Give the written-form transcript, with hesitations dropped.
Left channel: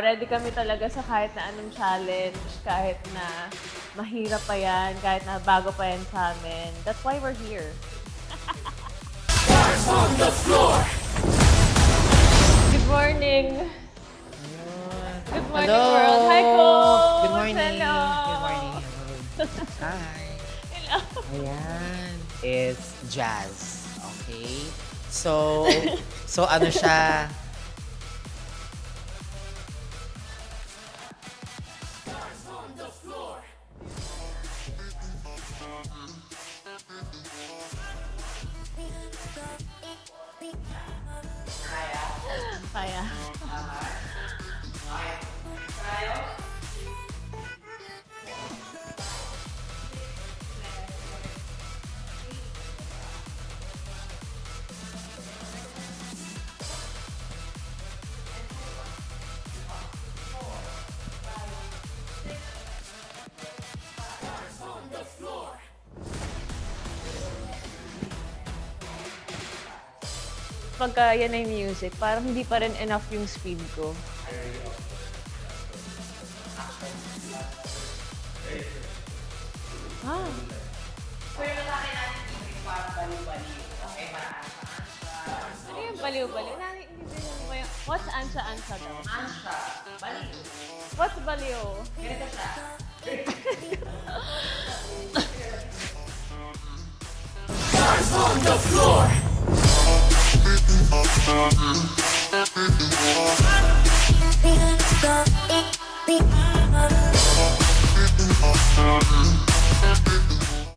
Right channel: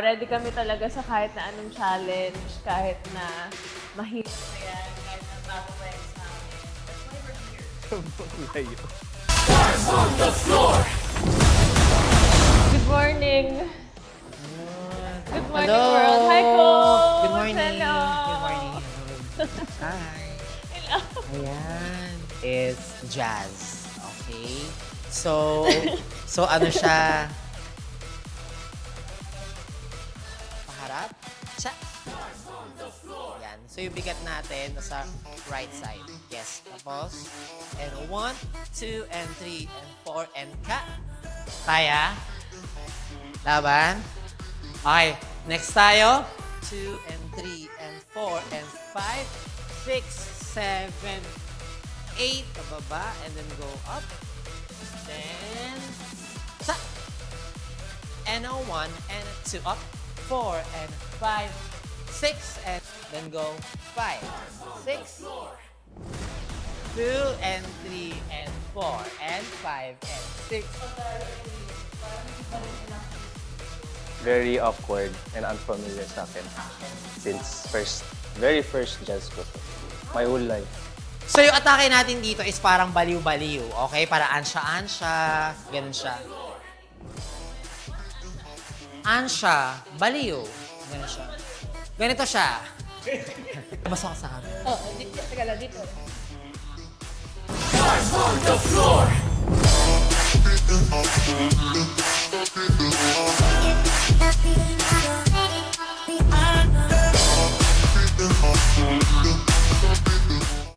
Ready kami talaga sa kahit na anong challenge, kahit na mahirap pa yan, kahit na bago pa yan sa amin. That's why we're here. Good morning! Good morning, Hello. world! Hi, Coach! Good morning. Hello! Good morning. Hello. Hi. Hello! Ayan. It's Jazz. Okay? So ano siya? Paharap. Siya. Ayan. So yung bigat natin sa right side. Yes. Tapos. And 1, 2, and 3, and 4, and cut. Kaya? Kaya. Laban? Okay, next tayo. 2 and 3 and 4 and 5, 6, 7, 8. Pababa and then go up. Then, sa. And a 1 and a 2 up. 4 and 5, 6 and then go 5, 6, 2 and 3 and 4 and 5 and 6. Pagka yan ay music, parang hindi pa rin enough yung speed ko. Very awkward and unfamiliar sa akin. Since very first jazz ko. My whole life. So yung atake natin dito is parang baliw-baliw, okay? Para ansya-ansya, ganun siya. Baliw-baliw. What's ansha-ansha daw? Ansya, baliw. What's baliw? Ganito siya. Masasa. Teka lang, dito. Happy,